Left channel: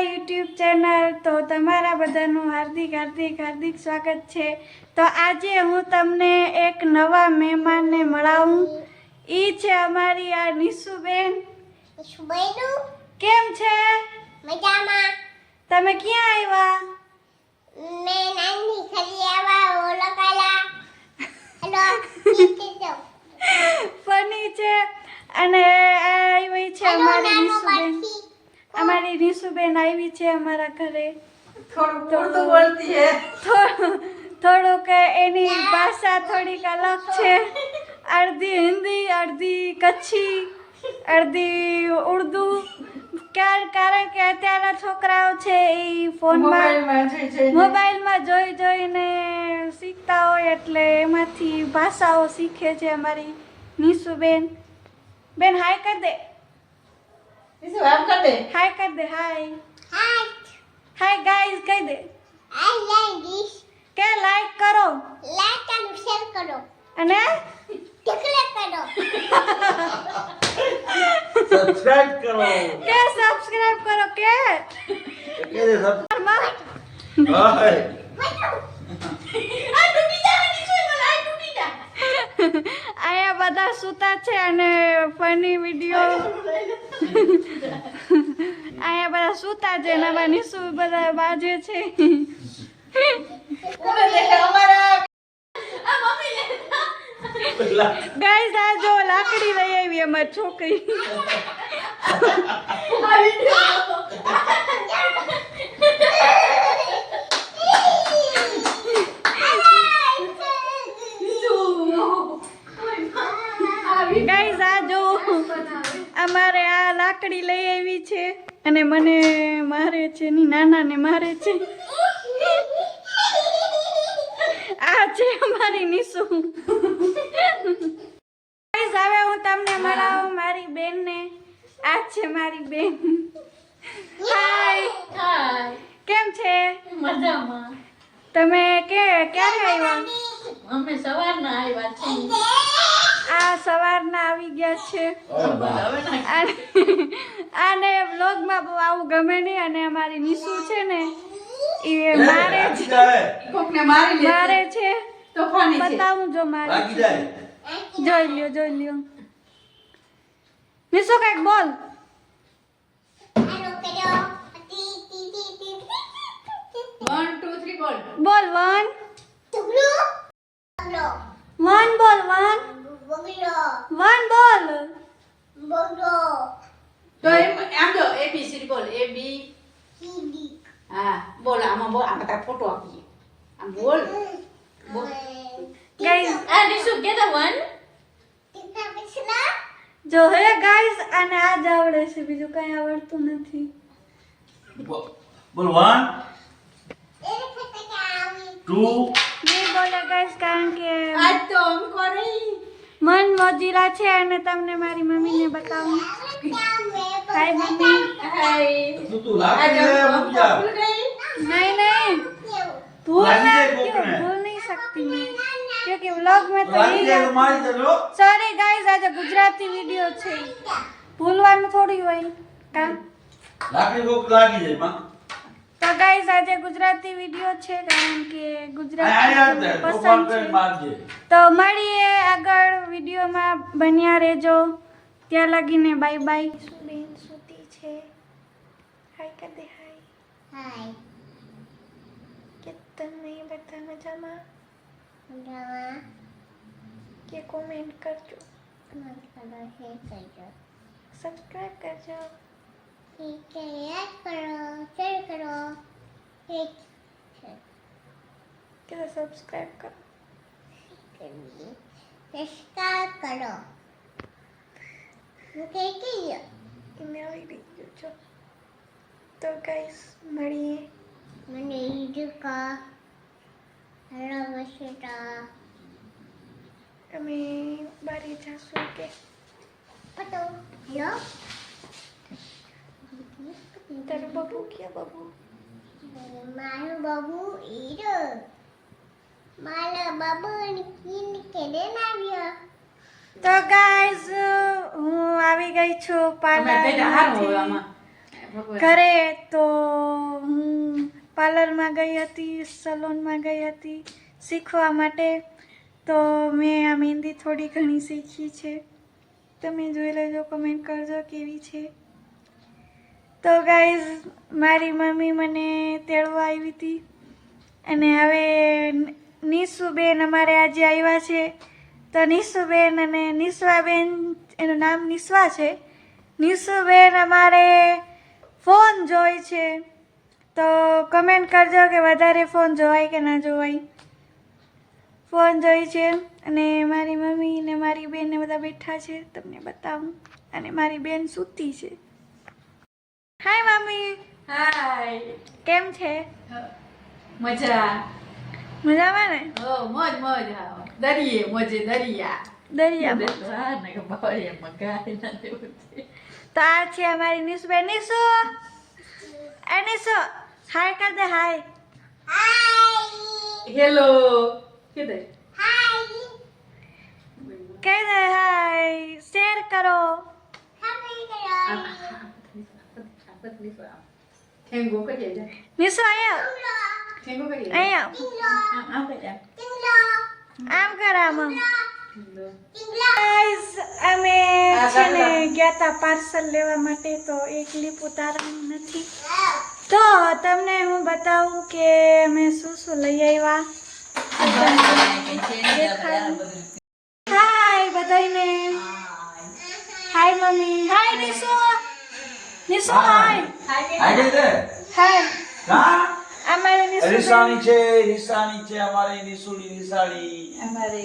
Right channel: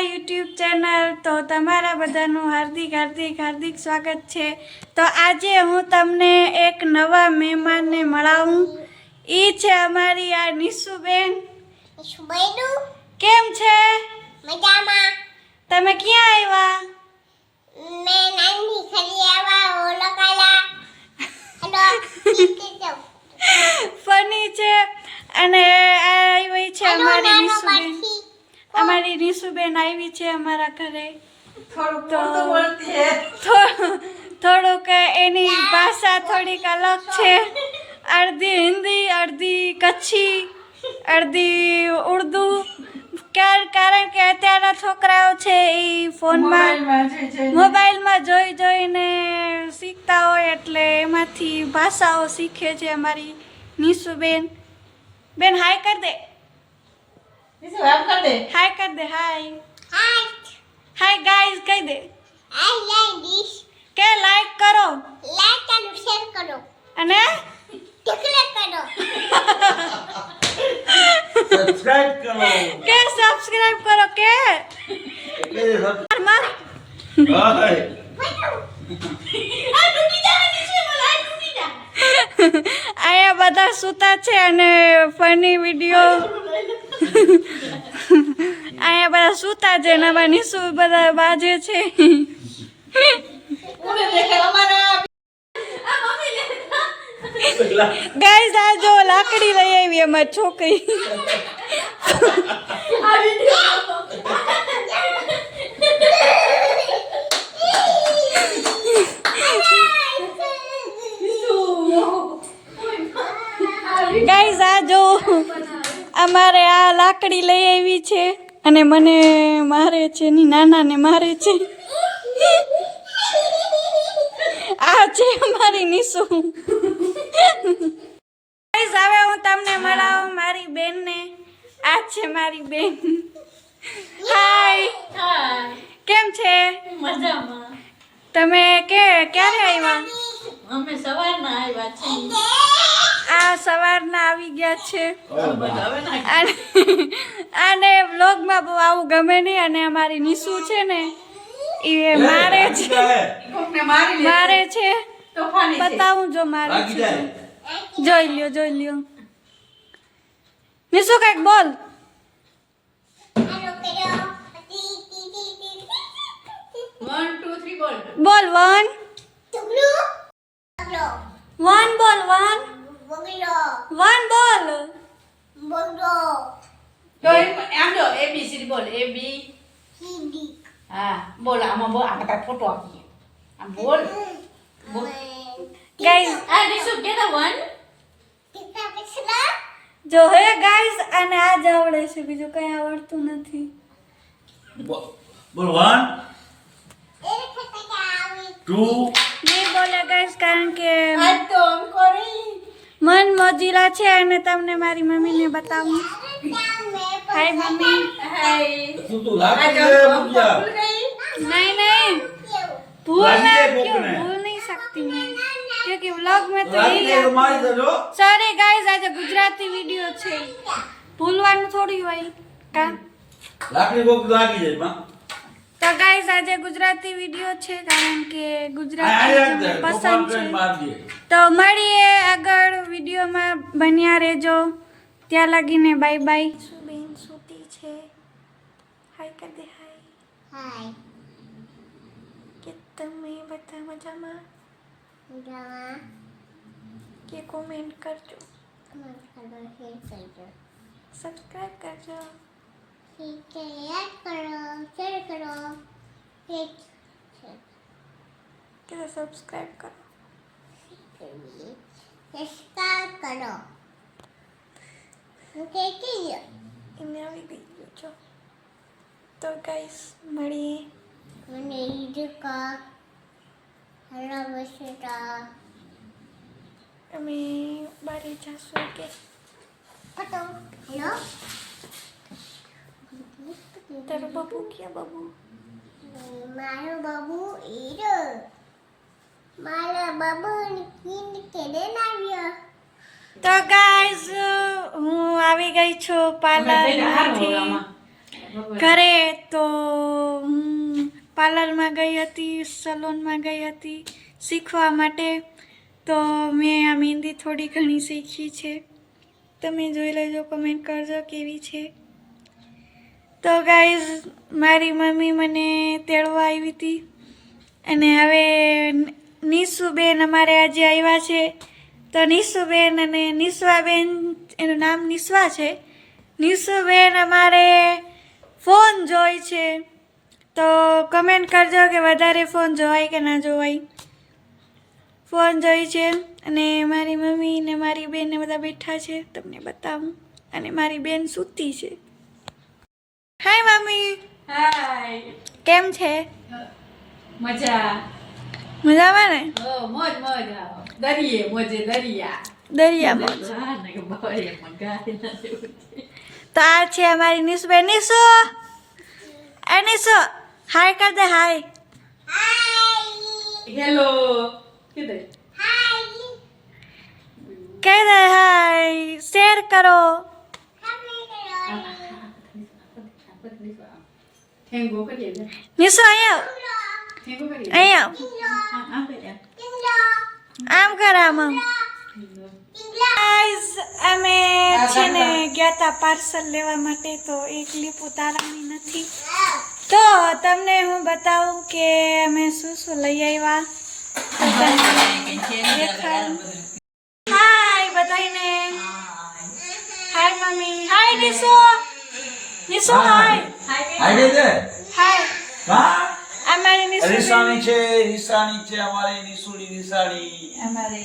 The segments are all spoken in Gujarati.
My YouTube channel. તો તમારા બધાનું હાર્દિક સ્વાગત છે. તો આજે હું તમને એક નવા મહેમાનને મળાવું. એ છે અમારી આ નિશુબેન. કેમ છે? મજામાં. તમે ક્યાં આવ્યા? મેં નાની ખરી આવા ઓલકાલા. હેલો. ફની છે અને આવી છે અમારી નિશુબેન. અમારી નિશુબેન આવી છે અમારા ઘરે. થોડુંક એની ભાષા થોડીક અલગ છે. અડધી હિન્દી, અડધી કચ્છી, અડધી ઉર્દુ. કારણ કે અત્યારના છોકરાઓ છે એ ફોનમાં મોબાઈલમાં જોઈને શીખતા હોય, એટલે એમાંથી ભાષાઓ શીખે છે અમારી નિશુબેન. બેન હાય કર દે. હાય કર દે. હાય હાય ગાઈઝ કહી દે. I like this. કે લાઈક કરો, લાઈક અને શેર કરો અને ટિકલે કરો. સબસ્ક્રાઇબ કરો કે સબસ્ક્રાઇબ કરો કે માર હાય આયા બધા સૂતા છે અને ફની વિડિયો આયા બધા સૂતા છે ને આમાં નિશુ બધા બાજે છે. ગાઈસ આ જો લાકડી લઈ આવી અમારી છોકરી. ગાઈસ આ જો અમારે આ લાકડી લઈ આવી છે અને મને મારે છે, ની નાનાને મારે છે. આ છે અમારી નિશુ. ગાઈસ હવે હું તમને મળાવું મારી બેનને. આ છે મારી બેન. હાય. કેમ છે? મજામાં. તમે ક્યારે આવ્યા? અમે સવારના આવ્યા છીએ. આ સવારના આવી ગયા છે. હવે ના આને વ્લોગમાં બહુ આવું ગમે નહીં અને અમારી નિશુ છે ને એ મારે છે. કોકને મારી મારે છે. તોફાની છે. બતાવું જો મારે છે. જોઈ લ્યો. નિશુ કઈક બોલ. આનો કરો. 1 2 3 બોલ. બોલ 1 ટુકડો. બગડો. 1 બોલ 1 બગડો. 1 બોલ. બગડો. તો આમ જો ABCD બોલ. A B. સીડી. હા બોલ. આમાં બોલ. આમાં તાર ફોટો આપીએ. આમ બોલ. ગાઈસ આ નિશુ કે the 1 ટીકા પછલા. જો હે ગાઈસ આને આ જ આવડે છે, બીજું કઈ આવડતું નથી. બોલ 1 એને ફટકા આવી. 2 નહીં બોલે ગાઈસ કારણ કે આજ તો આમ કરી. મન મોજીલા છે અને તમને મારી મમ્મીને બતાવું. Hi mummy. હાય. તું લાગી ગયા મુજ્જા नहीं भूल ना क्यों भूल नहीं सकती मैं, क्योंकि व्लॉग में तो લાગી यही જાય તો आता મારી है. દેજો सॉरी गाइस આજે ગુજરાતી વિડિયો છે, ભૂલવાનું થોડી હોય કા. લાકડી કોક લાગી જાય માં તો ગાઈસ આજે ગુજરાતી વિડિયો છે કારણ કે આ ગુજરાતી યાર મને દે પસંદ તોફાન છે. કરી માર દે તો મળીએ આગળ વિડિયોમાં, બન્યા રહેજો. ત્યાં લાગીને બાય બાય. બેન સૂતી છે. હાય કર દે. હાય. હાય. કે તમે બધા મજામાં? મજામાં. કે કોમેન્ટ કરજો, મન કરો શેર કરજો. સબસ્ક્રાઇબ કરજો. ઠીક છે, યાદ કરો, શેર કરો. ઠીક છે. કે સબસ્ક્રાઇબ કરો. સબસ્ક્રાઇબ કરો. હું કહેતી ગયો. એને આવી ગયું છો. તો ગાઈસ મળીએ. મને ઈડકા હલો બસેટા અમે બારે જાશું કે પટો. હેલો. તારો બાબુ ક્યાં? બાબુ મારો બાબુ ઈરો. મારા બાબુને કિન કેડે નાવ્યો. તો ગાઈસ હું આવી ગઈ છું અમે જઈને હારું પાર્લરમાંથી. આમાં. ઘરે તો હું પાર્લરમાં ગઈ હતી, સલોનમાં ગઈ હતી શીખવા માટે. તો મેં આ મહેંદી થોડી ઘણી શીખી છે. તમે જોઈ લેજો, કમેન્ટ કરજો કેવી છે. તો ગાઈઝ, મારી મમ્મી મને તેડવા આવી હતી અને હવે નિશુબેન અમારે આજે આવ્યા છે. તો નિશુબેન અને નિસ્વાબેન, એનું નામ નિસ્વા છે. નિશુબેન અમારે ફોન જોઈ છે. તો કમેન્ટ કરજો કે વધારે ફોન જોવાય કે ના જોવાય. ફોન જોઈ છે અને મારી મમ્મી ને મારી બેન ને બધા બેઠા છે, તમને બતાવું. અને મારી બેન સૂતી છે. હાય મમ્મી, હાય. કેમ છે? મજા. મજામાં ને? મોજ મોજ. હા. દરિયે મોજે દરિયા. દરિયામાં. હા ને કે બહરે મગાઈ નથી. તો આ છે અમારી નિશુબેન. નિશુ, એ નિશુ, હાય કર દે. હાય. હેલો. કીધે. કહી દે હાય. શેર કરો. ઠેંગો કરીએ જા. નિશુ અહીંયા ઠેંગો કરીએ. અહીંયા આમ કરીએ. આમ કર. આમાં ગાઈઝ, અમે છે ને ગયા તા પાર્સલ લેવા માટે. તો એક ક્લિપ ઉતારવાની નથી, તો તમને હું બતાવું કે અમે શું શું લઈ આવ્યા. હાય બધાને. Hi mummy. હાય નિશુ. નિશુ હાય. આગે છે હાય. હા અમારે નિશુ રિસાણી છે અમારી નિસાણી અમારે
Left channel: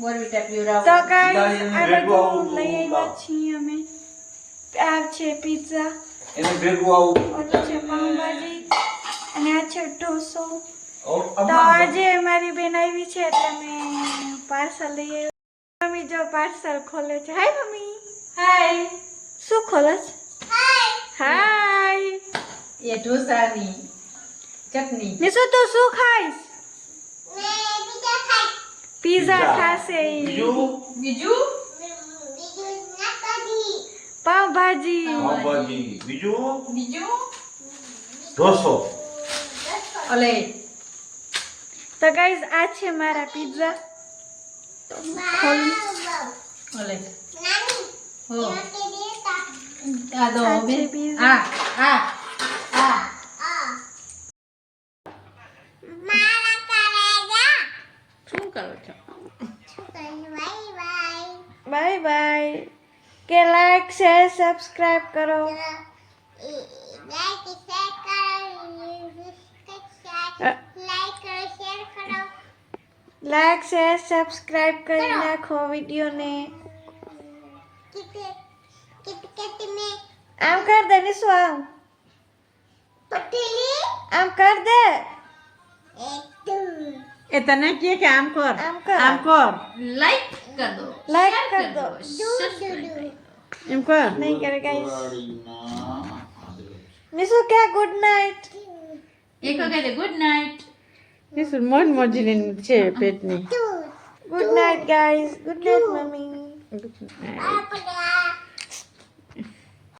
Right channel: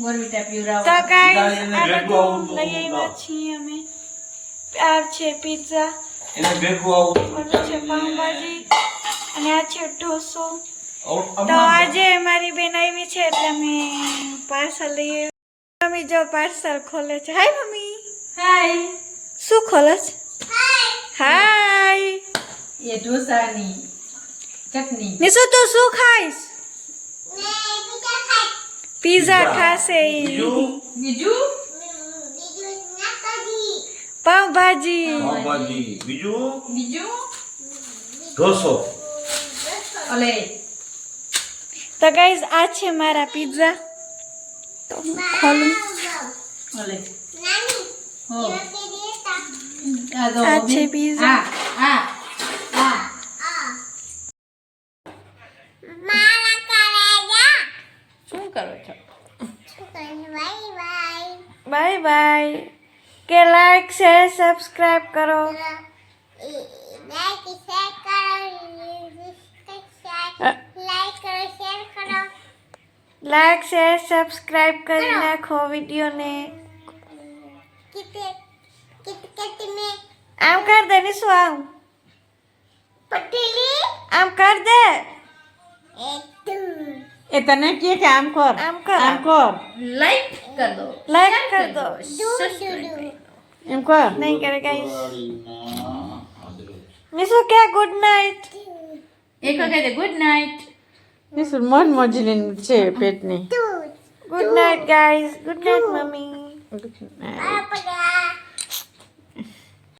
બોરવીટા પીવરાવ. તો ગાઈઝ, એને આ ભેગું બધું આવું લઈ આવ્યા છીએ અમે. આ છે પિઝા, એને ભેગું આવું ઓલો છે પાઉંભાજી અને આ છે ઢોસો. તો અમાર આજે મારી બેન આવી છે એટલે મેં પાર્સલ લઈ આવી. મમ્મી જો પાર્સલ ખોલે છે. Hi mummy. હાય. શું ખોલે છે? હાય. એ ઢોસાની ચટણી. નિશુ તું શું ખાઈશ? પિઝા ખાશે ઈ. બીજું બીજું પાઉંભાજી. પાવભાજી બીજું બીજું ઢોસો ઓલે તો ગાઈઝ, આ છે મારા પિઝા. તો હું ખોલું. ઓલે હો આ દો આ છે બેન. pizza. આ શું કરો છો? Bye bye. કે લાઈક શેર સબસ્ક્રાઇબ કરો. લાઈક શેર સબસ્ક્રાઇબ કરી નાખો વિડીયોને. આમ કર દે નિશુ. આમ આમ કર દે. એ તને કે આમ કર. આમ કર. આમ કર. લાઈક કર દો. લાઈક કર દો. એમ કર. નહીં કરે ગાઈસ. નિશુ કે ગુડ નાઇટ. એક કહે દે ગુડ નાઇટ. નિશુ મોજ મોજની છે પેટની. Good night guys. Good night mummy. Good night.